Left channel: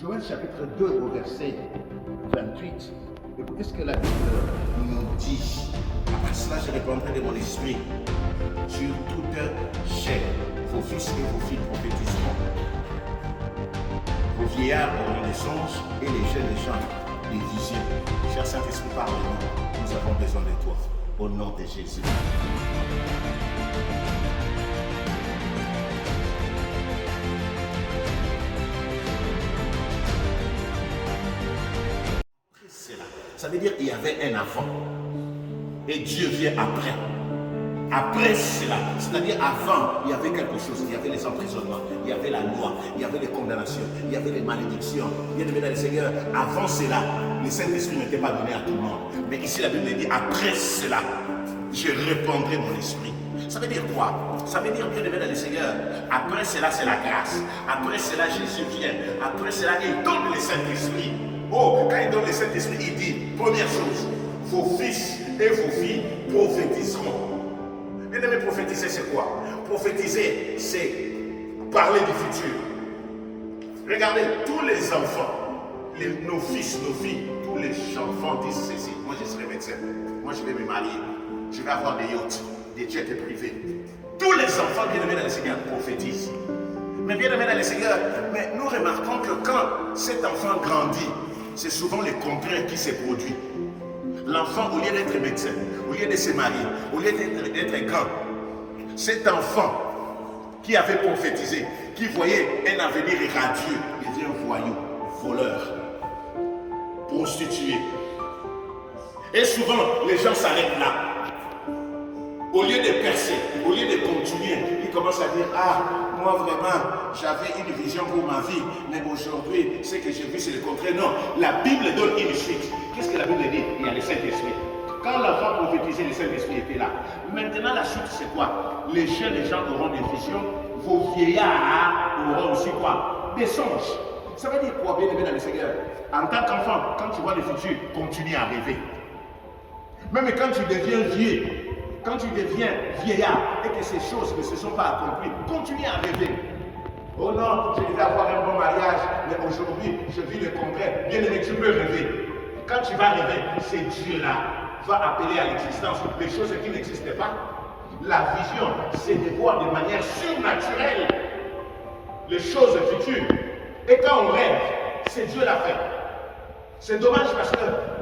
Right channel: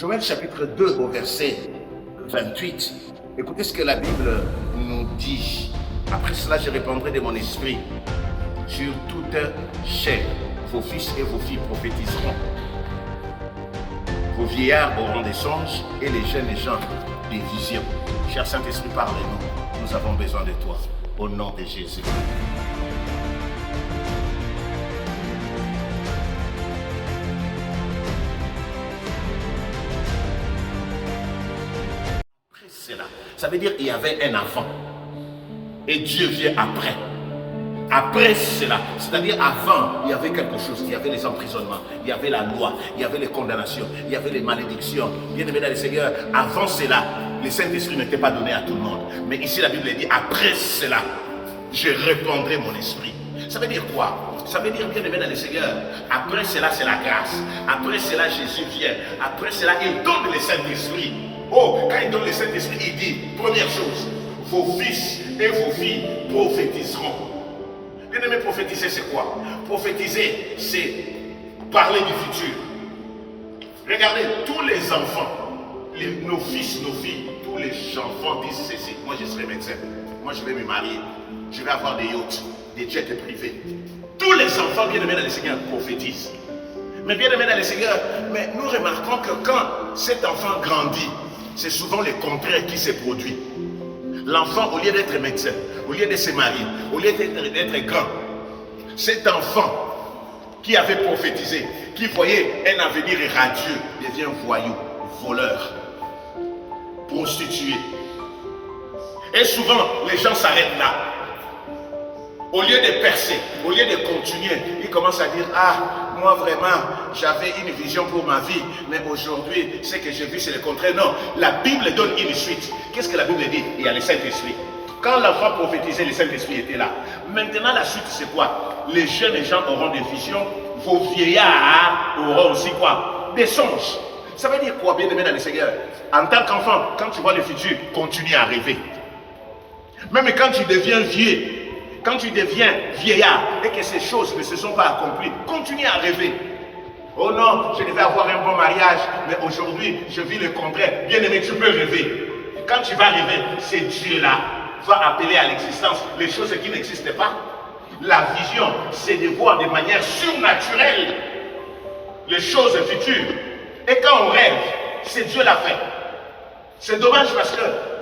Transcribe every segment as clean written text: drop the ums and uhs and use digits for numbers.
Joël chapitre 2 au verset 28. Écoutez ce que la Bible nous dit. Après cela, je répandrai de mon esprit sur toute chair. Vos fils et vos filles prophétiseront. Vos vieillards auront des songes et les jeunes gens des visions. Cher Saint-Esprit, parle-nous. Nous avons besoin de toi. Au nom de Jésus. Ça veut dire qu'il y avait un avant. Et Dieu vient après. Après cela, c'est-à-dire avant, il y avait quelque chose. Il y avait les emprisonnements, il y avait la loi, il y avait les condamnations, il y avait les malédictions. Bien-aimés dans le Seigneur, avant cela, le Saint-Esprit n'était pas donné à tout le monde. Mais ici, la Bible dit, après cela, je répandrai mon esprit. Ça veut dire quoi? Ça veut dire, bien-aimés dans le Seigneur, après cela, c'est la grâce. Après cela, Jésus vient. Après cela, il donne le Saint-Esprit. Oh, quand il donne le Saint-Esprit, il dit, première chose, vos fils et vos filles prophétiseront. Bien-aimé, prophétiser, c'est quoi? Prophétiser, c'est parler du futur. Regardez, tous les enfants, nos fils, nos filles, tous les enfants disent ceci. Moi, je serai médecin. Moi, je vais me marier. Je vais avoir des yachts, des jets privés. Tous les enfants, bien-aimés dans le Seigneur, prophétisent. Mais bien-aimés dans le Seigneur, mais nous remarquons que quand cet enfant grandit, c'est souvent le contraire qui se produit. L'enfant, au lieu d'être médecin, au lieu de se marier, au lieu d'être grand, cet enfant qui avait prophétisé, qui voyait un avenir radieux, devient voyou, voleur, prostitué. Et souvent, les gens s'arrêtent là. Au lieu de percer, au lieu de continuer, ils commencent à dire, ah, moi vraiment, j'avais une vision pour ma vie, mais aujourd'hui, ce que j'ai vu, c'est le contraire. Non, la Bible donne une suite. Qu'est-ce que la Bible dit? Il y a le Saint-Esprit. Quand l'enfant prophétisait, le Saint-Esprit était là. Maintenant, la suite, c'est quoi? Les jeunes gens auront des visions, vos vieillards auront aussi quoi? Des songes. Ça veut dire quoi, bien-aimé dans le Seigneur? En tant qu'enfant, quand tu vois le futur, continue à rêver. Même quand tu deviens vieux, quand tu deviens vieillard et que ces choses ne se sont pas accomplies, continue à rêver. Oh non, je devais avoir un bon mariage, mais aujourd'hui, je vis le contraire. Bien-aimé, tu peux rêver. Quand tu vas rêver, c'est Dieu-là va appeler à l'existence les choses qui n'existent pas. La vision, c'est de voir de manière surnaturelle les choses futures. Et quand on rêve, c'est Dieu l'a fait. C'est dommage parce que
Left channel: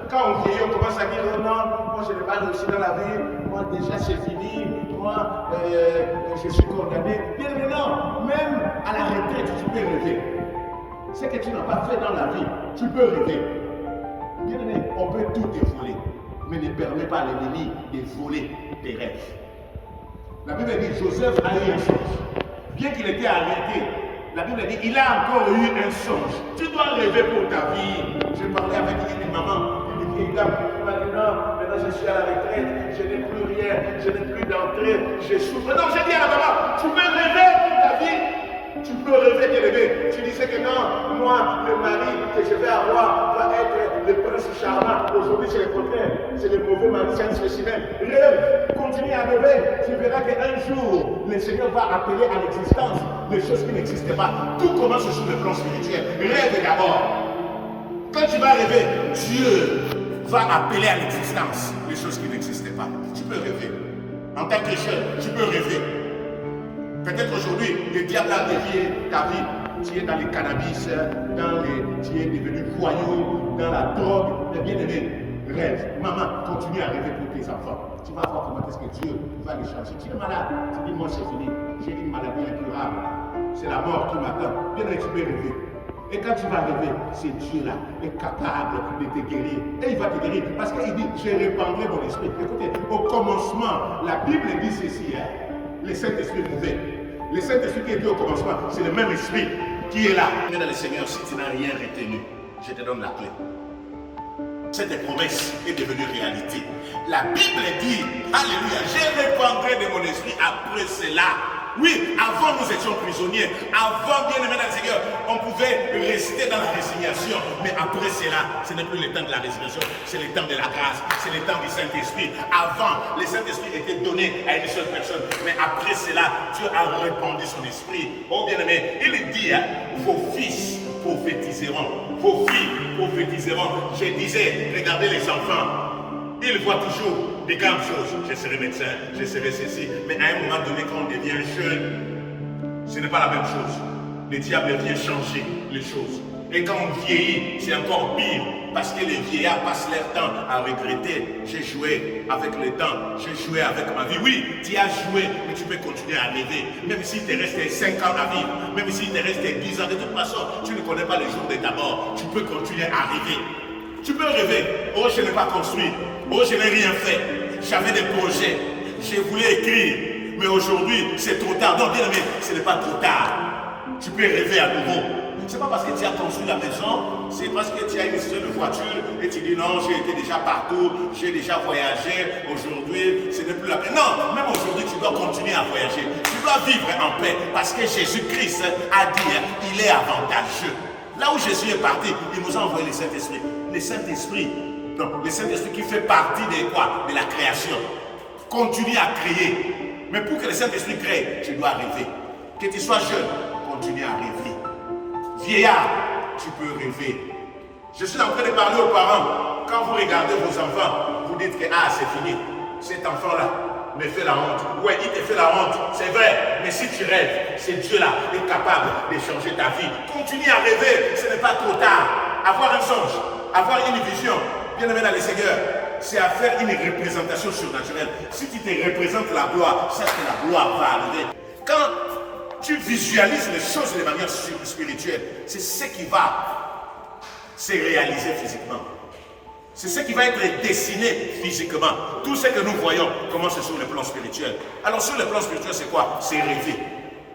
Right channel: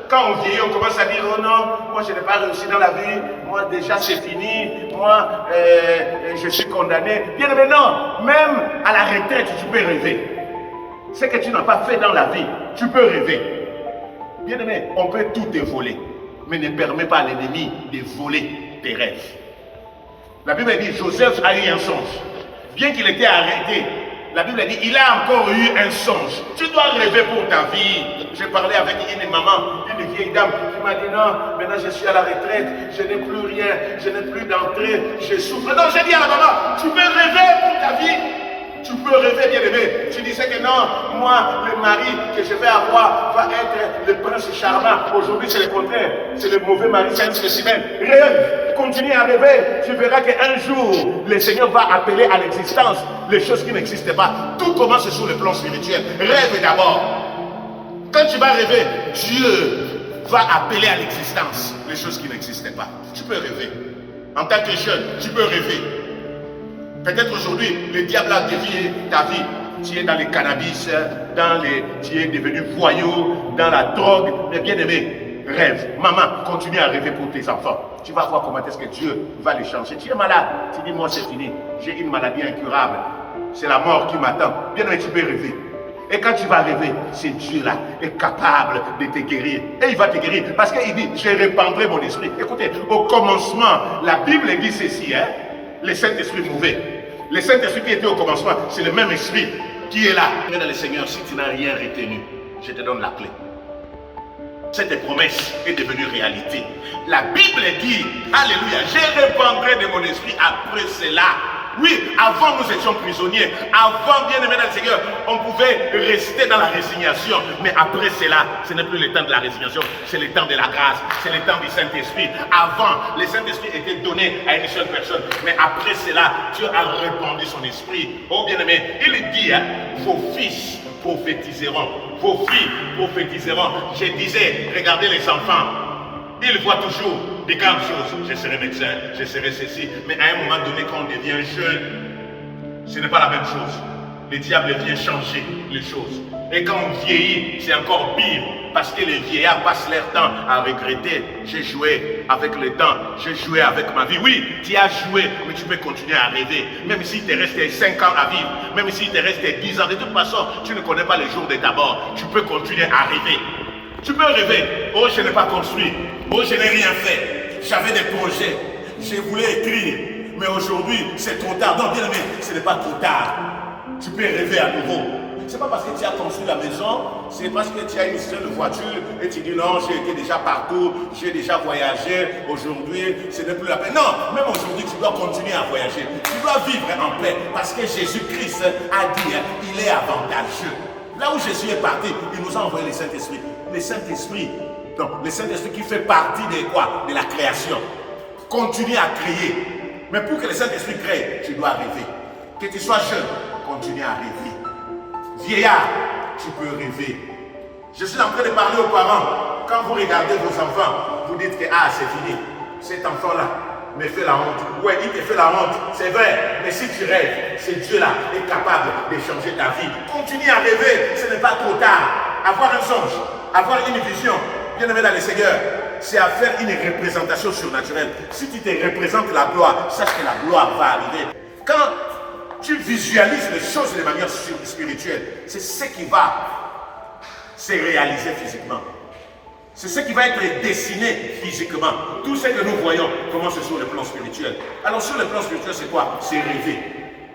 quand on vieillit, on commence à dire, oh non, moi je n'ai pas réussi dans la vie, moi déjà c'est fini, moi je suis condamné. Bien aimé, non, même à la retraite, tu peux rêver. Ce que tu n'as pas fait dans la vie, tu peux rêver. Bien aimé, on peut tout te voler, mais ne permet pas à l'ennemi de voler tes rêves. La Bible dit, Joseph a eu un songe. Bien qu'il était arrêté, la Bible dit, il a encore eu un songe. Tu dois rêver pour ta vie. J'ai parlé avec une maman, une vieille dame qui m'a dit non, maintenant je suis à la retraite, je n'ai plus rien, je n'ai plus d'entrée, je souffre. Non, j'ai dit à la maman, tu peux rêver pour ta vie. Tu peux rêver, bien aimé. Tu disais que non, moi, le mari que je vais avoir va être le prince charmant. Aujourd'hui, c'est le contraire. C'est le mauvais mari, c'est un spécimen. Rêve, continue à rêver. Tu verras qu'un jour, le Seigneur va appeler à l'existence les choses qui n'existent pas. Tout commence sur le plan spirituel. Rêve d'abord. Quand tu vas rêver, Dieu va appeler à l'existence les choses qui n'existaient pas. Tu peux rêver. En tant que jeune, tu peux rêver. Peut-être aujourd'hui, le diable a dévié ta vie. Tu es dans le cannabis, tu es devenu voyou, dans la drogue. Mais bien aimé, rêve. Maman, continue à rêver pour tes enfants. Tu vas voir comment est-ce que Dieu va les changer. Tu es malade. Tu dis, moi c'est fini. J'ai une maladie incurable. C'est la mort qui m'attend. Bien aimé, tu peux rêver. Et quand tu vas rêver, c'est Dieu là, est capable de te guérir. Et il va te guérir parce qu'il dit, je répandrai mon esprit. Écoutez, au commencement, la Bible dit ceci, hein, le Saint-Esprit mauvais. Le Saint-Esprit qui était au commencement, c'est le même esprit qui est là. Dans le Seigneur, si tu n'as rien retenu, je te donne la clé. Cette promesse est devenue réalité. La Bible dit, alléluia, je répandrai de mon esprit après cela. Oui, avant nous étions prisonniers. Avant, bien aimé dans le Seigneur, on pouvait rester dans la résignation. Mais après cela, ce n'est plus le temps de la résignation, c'est le temps de la grâce, c'est le temps du Saint-Esprit. Avant, le Saint-Esprit était donné à une seule personne. Mais après cela, Dieu a répandu son esprit. Oh bien aimé, il dit, hein, vos fils prophétiseront. Vos filles prophétiseront. Je disais, regardez les enfants. Ils voient toujours des grandes choses. Je serai médecin, je serai ceci. Mais à un moment donné, quand on devient jeune, ce n'est pas la même chose. Le diable vient changer les choses. Et quand on vieillit, c'est encore pire. Parce que les vieillards passent leur temps à regretter. J'ai joué avec le temps, j'ai joué avec ma vie. Oui, tu as joué, mais tu peux continuer à rêver. Même s'il te reste 5 ans à vivre, même s'il te reste 10 ans, de toute façon, tu ne connais pas le jour de ta mort. Tu peux continuer à rêver. Tu peux rêver. Oh, je n'ai pas construit. Oh, je n'ai rien fait. J'avais des projets. Je voulais écrire. Mais aujourd'hui, c'est trop tard. Non, bien aimé, ce n'est pas trop tard. Tu peux rêver à nouveau. Ce n'est pas parce que tu as construit la maison, c'est parce que tu as une histoire de voiture et tu dis non, j'ai été déjà partout, j'ai déjà voyagé, aujourd'hui, ce n'est plus la peine. Non, même aujourd'hui, tu dois continuer à voyager. Tu dois vivre en paix parce que Jésus-Christ a dit, il est avantageux. Là où Jésus est parti, il nous a envoyé le Saint-Esprit. Le Saint-Esprit, donc le Saint-Esprit qui fait partie de quoi? De la création. Continue à créer. Mais pour que le Saint-Esprit crée, tu dois rêver. Que tu sois jeune, continue à rêver. Vieillard, tu peux rêver. Je suis en train de parler aux parents. Quand vous regardez vos enfants, vous dites que ah, c'est fini. Cet enfant-là me fait la honte. Ouais, il te fait la honte, c'est vrai. Mais si tu rêves, ce Dieu-là est capable de changer ta vie. Continue à rêver, ce n'est pas trop tard. Avoir un songe, avoir une vision, bien aimé dans le Seigneur, c'est à faire une représentation surnaturelle. Si tu te représentes la gloire, sache que la gloire va arriver. Quand tu visualises les choses de manière spirituelle, c'est ce qui va se réaliser physiquement. C'est ce qui va être dessiné physiquement. Tout ce que nous voyons commence sur le plan spirituel. Alors sur le plan spirituel, c'est quoi? C'est rêver.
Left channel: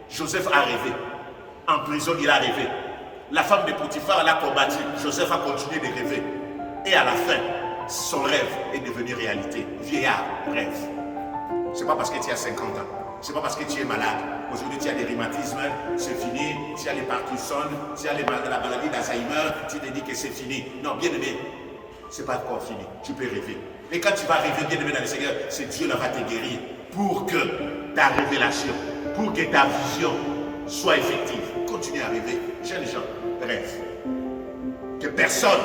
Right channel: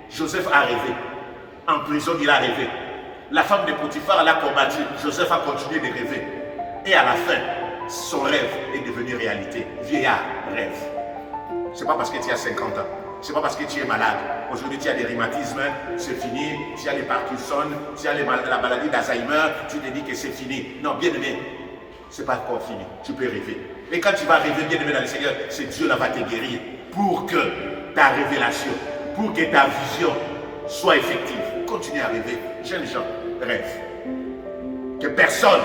Joseph a rêvé. En prison, il a rêvé. La femme de Potiphar l'a combattu. Joseph a continué de rêver. Et à la fin, son rêve est devenu réalité. Vieillard rêve. Ce n'est pas parce que tu as 50 ans. Ce n'est pas parce que tu es malade. Aujourd'hui, tu as des rhumatismes, c'est fini. Tu as les Parkinson, tu as la maladie d'Alzheimer, tu te dis que c'est fini. Non, bien aimé, ce n'est pas encore fini. Tu peux rêver. Et quand tu vas rêver, bien aimé dans le Seigneur, c'est Dieu là va te guérir pour que ta révélation, pour que ta vision soit effective. Continue à rêver. Jeunes gens, rêve. Que personne,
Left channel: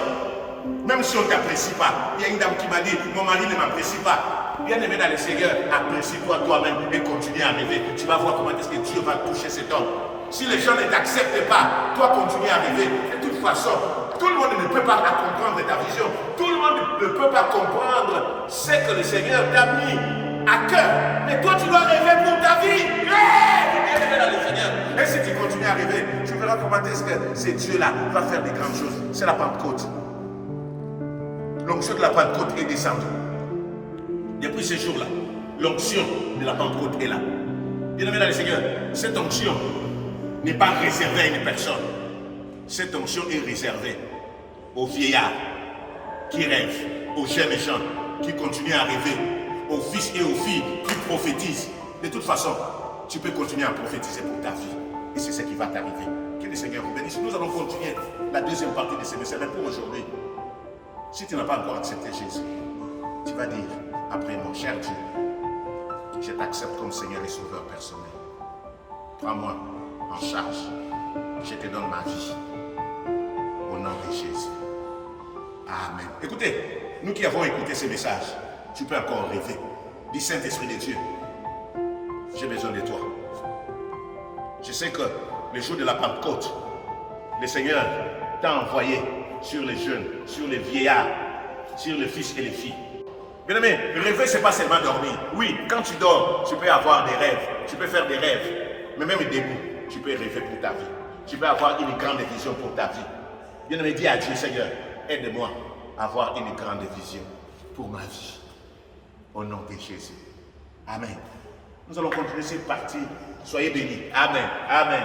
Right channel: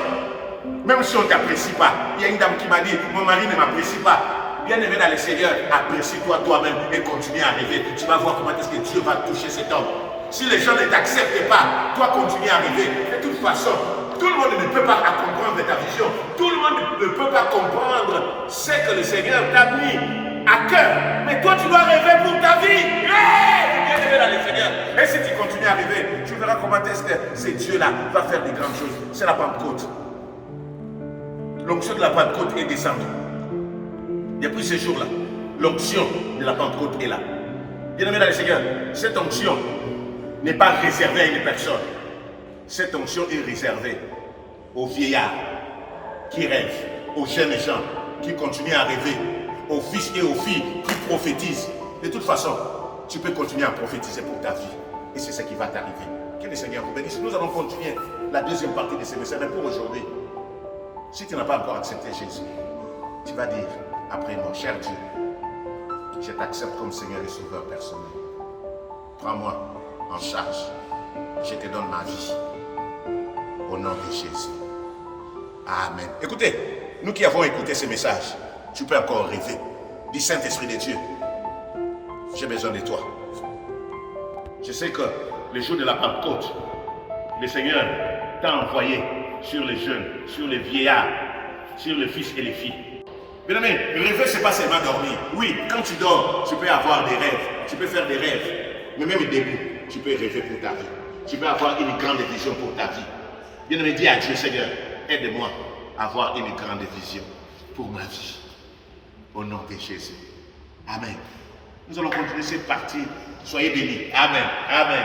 même si on ne t'apprécie pas, il y a une dame qui m'a dit, mon mari ne m'apprécie pas. Bien aimé dans le Seigneur, apprécie-toi toi-même et continue à rêver. Tu vas voir comment est-ce que Dieu va toucher cet homme. Si les gens ne t'acceptent pas, toi continue à rêver. De toute façon, tout le monde ne peut pas comprendre ta vision. Tout le monde ne peut pas comprendre ce que le Seigneur t'a mis à cœur. Mais toi, tu dois rêver pour ta vie. Bien aimé dans le Seigneur. Et si tu continues à rêver, tu verras comment est-ce que ce Dieu-là va faire des grandes choses. C'est la Pentecôte. L'onction de la Pentecôte est descendue. Depuis ce jour-là, l'onction de la Pentecôte est là. Bien aimé dans le Seigneur, cette onction n'est pas réservée à une personne. Cette onction est réservée aux vieillards qui rêvent, aux jeunes gens qui continuent à rêver, aux fils et aux filles qui prophétisent. De toute façon, tu peux continuer à prophétiser pour ta vie. Et c'est ce qui va t'arriver. Que le Seigneur vous bénisse. Nous allons continuer la deuxième partie de ce message. Mais pour aujourd'hui, si tu n'as pas encore accepté Jésus, tu vas dire après, mon cher Dieu, je t'accepte comme Seigneur et Sauveur personnel. Prends-moi en charge. Je te donne ma vie. Au nom de Jésus. Amen. Écoutez, nous qui avons écouté ce message, tu peux encore rêver. Dis Saint-Esprit de Dieu, j'ai besoin de toi. Je sais que le jour de la Pentecôte, le Seigneur t'a envoyé sur les jeunes, sur les vieillards, sur les fils et les filles. Bien aimé, rêver, ce n'est pas seulement dormir. Oui, quand tu dors, tu peux avoir des rêves, tu peux faire des rêves. Mais même debout, tu peux rêver pour ta vie. Tu peux avoir une grande vision pour ta vie. Bien aimé, dis à Dieu, Seigneur, aide-moi à avoir une grande vision pour ma vie. Au nom de Jésus. Amen. Nous allons continuer cette partie. Soyez bénis. Amen. Amen.